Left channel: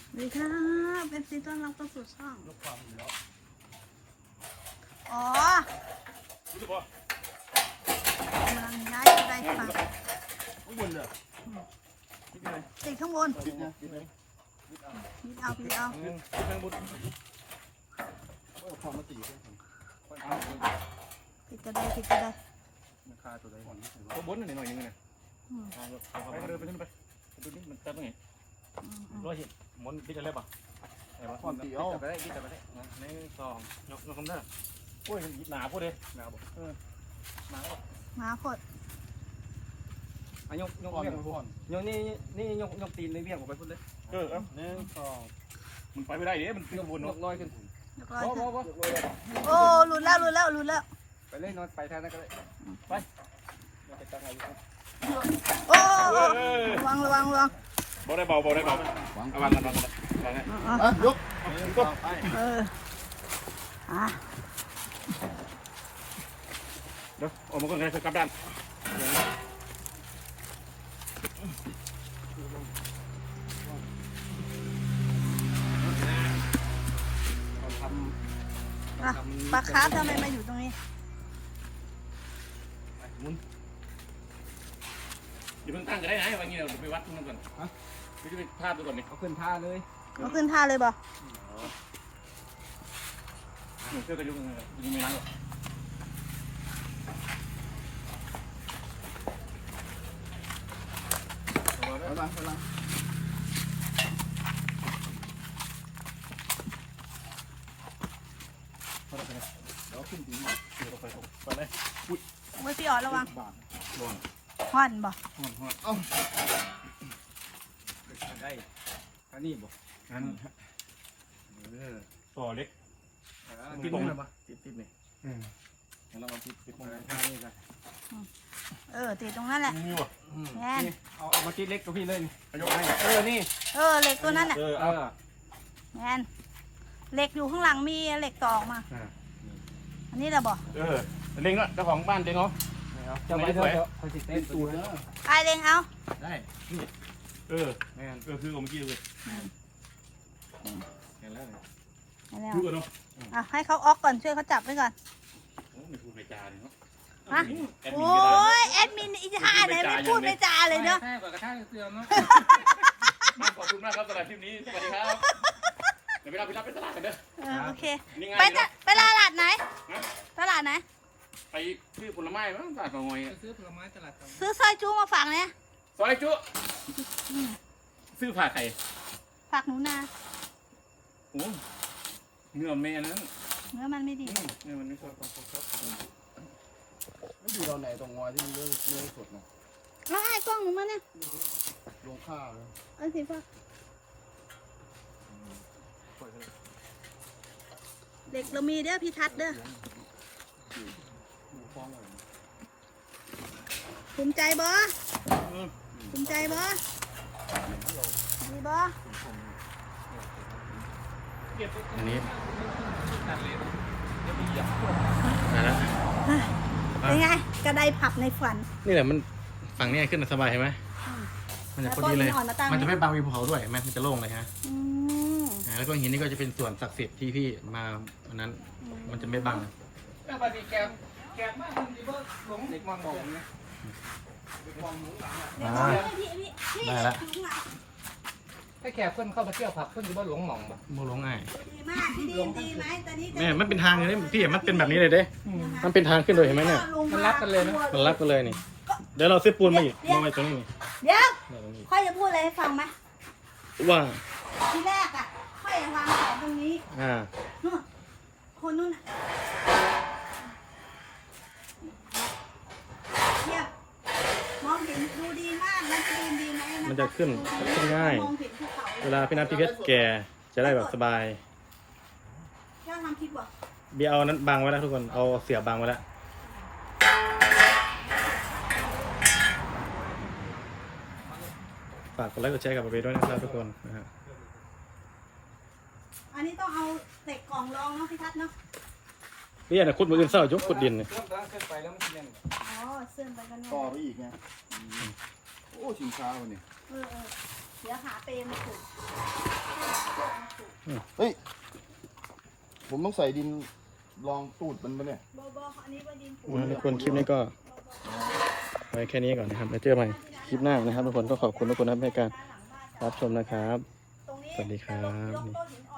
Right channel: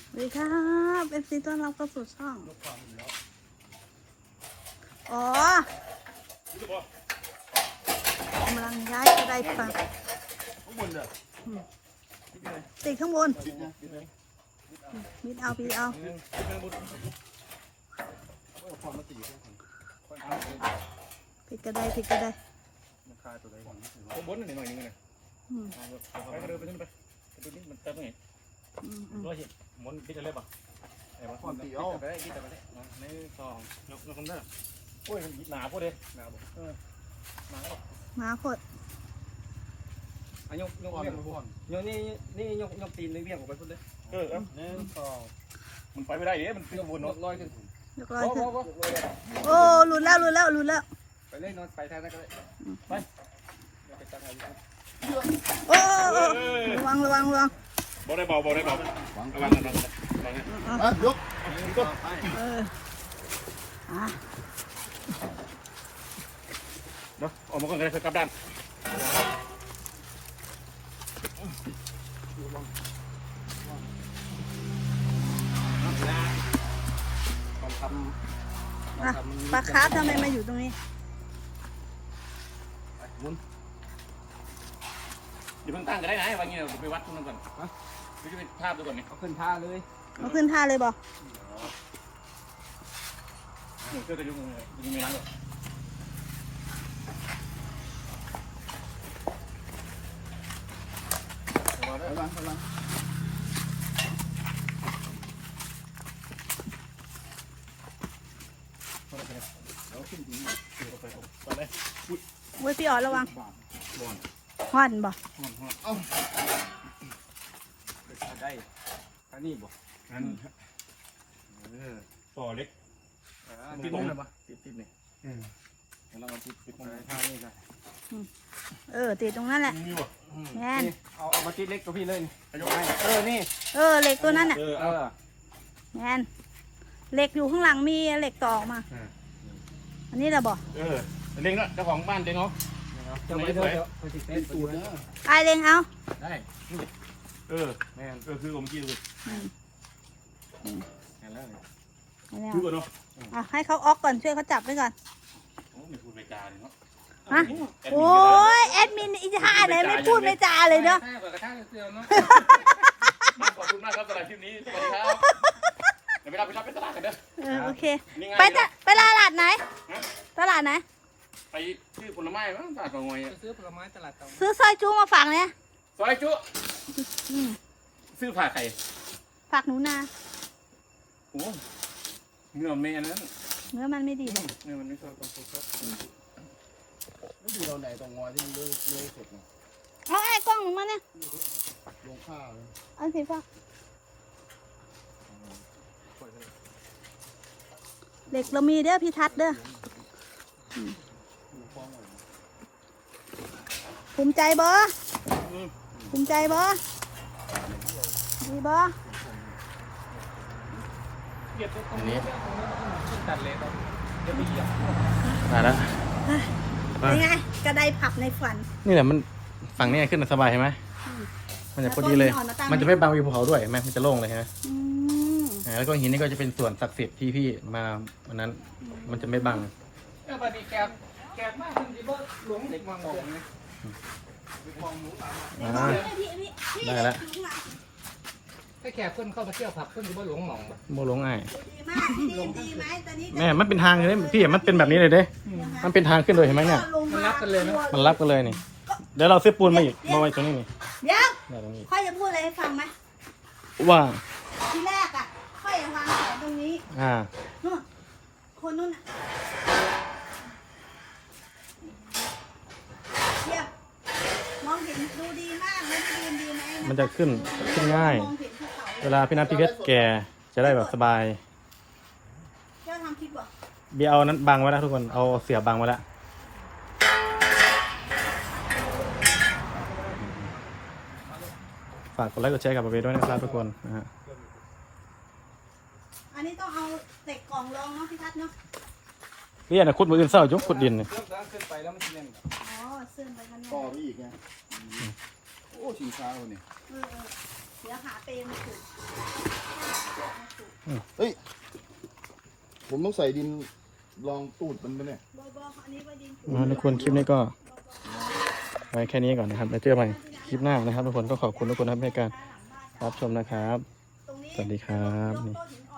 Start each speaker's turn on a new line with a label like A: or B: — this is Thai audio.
A: สวัสดีครับเป็นซีต้อนรับเข้าสู่ช่องอ๋อกำลังย้ายกระไดปลาติดข้างบนมิดเอาปิดเอาปิดกระไดปิดกระได
B: คาตัวใดตัวบนหน่อยนึงเลยไปกระเดินไปนู่นไปตัวนี้มันเต็มเลยร้อยเห็นมนปิดอะไรป่ะไอ้บ้าความตีเอาไปได้ปิดไปได้ในซองยกคำเด้อโอ้ยหนาพวกเด้หนาบ่หนา
A: หมาพด
B: ยกอ่อนยกนี่ยกตีนในเบี้ยงออกไปพุ่นเด้มันไปไม่ได้เด้มันขึ้นบนเนาะลอยขึ้น
A: ยกลอยขึ้นโอ้หลุดแล้ว
B: ไปเลยนอนไปทางนั้นก็ไป
A: โอ้ระวังบอก
B: ได้เบาระวังยกเดี๋ยวออกมาก่อนเลยกลับด้าน
A: ปลาคาร์ฟทำไมมาอยู่ตรงนี้
B: มุนเดี๋ยวมันตั้งก็ได้นะวันนี้เราไปวัดตรงนั้นก่อนไปดูท่าตัวก่อนนี่ขึ้นท่าเลย
A: บ่
B: เชื่อไปดูมันยังมีน้ำหรอระวังแล้วขึ้นถึงไปเลย
A: เว้ยพี่อ๋อระวังห่อนบ่
B: ได้อันนี้บ่อันต่อเล็กติดเลยปะติดนี่เราติดตรงท่านี่กัน
A: ติดตรงนั้นแหละแน่
B: เอามาติดเล็กกับพี่เลยยกให้นี่
A: เหล็กตัวนั้นอ่ะแน่นเหล็กอยู่ข้างหลังมีเหล็กต่อมาอันนี้แหละบ่
B: เล็งละเจ้าของบ้านเล็งเนาะจะไม่ได้ไปติดเต้นตัวนะ
A: ไอเล็งเอา
B: ได้แม่นคือผมกี้เลยเห็นแล้วคือก่อนเนาะ
A: ให้เขาออกก่อนช่วยเขาจับไว้ก่อนฮะโอ้ยแอดมินอีท่าไหนไม่พูดไม่จาเลยเนาะ
B: กระทั่งเสื่อมเนาะขอบคุณมากครับสำหรับคลิปนี้สวัสดีครับเดี๋ยวไปรับไปตลาดกันเด้อ
A: โอเคไปตลาดไหน
B: ไปซื้อผลไม้มั้งตลาดกงอย
C: ซื้อผลไม้ตลาดกงอย
A: ซื้อซอยจุมาฝากเนี่ย
B: ซอยจุซื้อผักไข่
A: ผักหนูนา
B: โอ้เนื้อแม่นั้น
A: เนื้อมันไม่ดี
B: เนื้อมันไม่ชอบไม่ดีตอนไหนตรงงอยที่มันเลื่อยสดนะ
A: ไอ้กล้องของมันเนี่ย
B: ลงข้าวเลย
A: อันสีฟ้าเด็กเรามีเด้อพี่ทัศน์เด้อภูมิใจบ่ดีบ่
B: อันนี้ตัดเลยนะ
A: เป็นไงกระไดผับในฝัน
B: นี่แหละมันฝั่งนี้ขึ้นสบายใช่ไหมมันจะพอดีเลยมันจะไม่บังวิวภูเขาด้วยมันจะโล่งเลยฮะแล้วก็หินนี่ก็จะเป็นส่วนศักดิ์สิทธิ์ที่พี่มาวันนั้นมันจะไม่บังแกมากหลงเด็กมาตกนะได้แล้ว
C: ไอ้แขกเพิ่นเข้ามาเที่ยวผักเพิ่นอยู่บ้านหลวงหม่อง
B: โมหลงไง
A: แม่
B: มันเป็นทางเลยพี่มันเป็นแบบนี้เลยเด้มันเป็นทางขึ้นเลยเห็นไหมเนี่ย
C: มันรักกันเลยนะ
B: มันรักกันเลยนี่เดี๋ยวเราซื้อปูนมาอีกมาไว้ตรงนี้นี่
A: เดี๋ยวค่อยจะพูดอะไรให้ฟังไหม
B: ว่า
A: ทีแรกค่อยวางของตรงนี้คนนู้นเดี๋ยวมองเห็นดูดีมากนะดีไหม
B: มันจะขึ้นง่ายเวลาพี่นัทพี่เพชรแกจะได้แบบสบาย
A: เจ้าทำคลิปบ่
B: เบียร์เอานั้นบังไว้แล้วทุกคนเอาเสียบบังไว้แล้วฝากกดไลค์กดแชร์กับเบย์ด้วยนะครับทุกคนนะฮะ
A: อันนี้ต้องเอาเศษกล่องรองเนาะพี่ทัศน์เนาะ
B: นี่นะขุดมืออื่นเศร้ายุบขุดดิน
C: ขึ้นไปแล้วมันเสียง
A: เสื่อมไปกัน
B: ต่อไปอีกไงโอ้ชิงช้าวันนี้
A: เดี๋ยวหาเปรย์มาถูก
D: เฮ้ยผมต้องใส่ดินรองตูดมันไปเนี่ย
B: ทุกคนคลิปนี้ก็ไว้แค่นี้ก่อนนะครับแล้วเจอกันคลิปหน้านะครับทุกคนก็ขอบคุณทุกคนครับในการรับชมนะครับสวัสดีครับนี่